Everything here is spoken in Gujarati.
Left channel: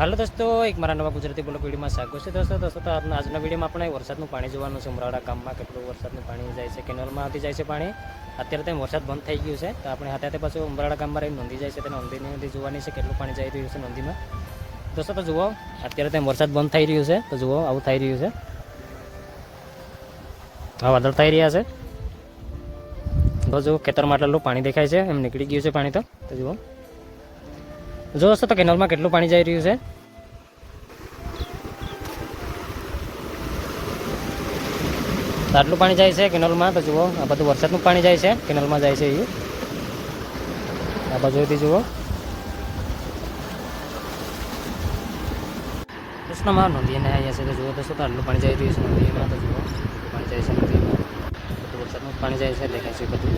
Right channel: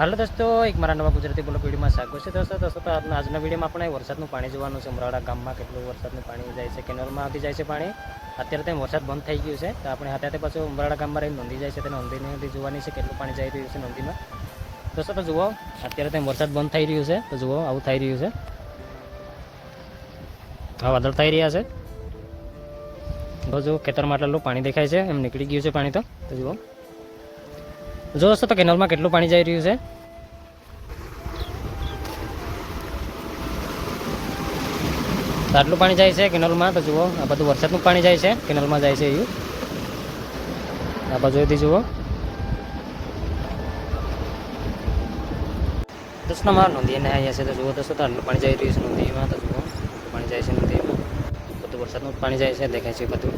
હાલો દોસ્તો, એક મારા નવા ગુજરાતી બ્લોગ વિડીયોમાં સ્વાગત છે દોસ્તો. દોસ્તો, તો આજના વિડીયોમાં આપણે વરસાદનું પાણી જોવાનું છે. ઉમરાળા ગામમાં કેટલું વરસાદનું પાણી જાય છે, કેનોલમાં આવી જાય છે પાણી. અત્યારે તેમ વરસાદ બંધ થઈ ગયું છે, તો આપણે હાથે પાછું ઉમરાળા ગામમાં રહીને નોંધી જાય છે, તેને નોંધી નોંધી જોવાની છે કેટલું પાણી જઈ રહ્યું છે નોંધીમાં. દોસ્તો, તો જુઓ, અત્યારે તેમ વરસાદ બંધ થઈ રહ્યું છે, તો જુઓ, આવું થઈ રહ્યું છે. હા, વાદળ થઈ રહ્યા છે. તો જુઓ, ખેતરમાં આટલું પાણી દેખાય છે, એમ નીકળી ગયું છે પાણી તો જુઓ. જો દોસ્તો, તો કેનલમાં કેટલું પાણી જઈ રહ્યું છે? આટલું પાણી જાય છે કેનલમાં, તો જુઓ, આ બધું વરસાદનું પાણી જાય છે, કેનલમાં જાય છે એ. આ બાજુથી જુઓ. દોસ્તોમાં નદીને અહીંયા છે, તો જુઓ દોસ્તો, તો આટલું પાણી જઈ રહ્યું છે નદીમાં તો જુઓ પાણી જાય છે નદીમાં બધું વરસાદનું પાણી જાય છે, દેખાય છે બધું.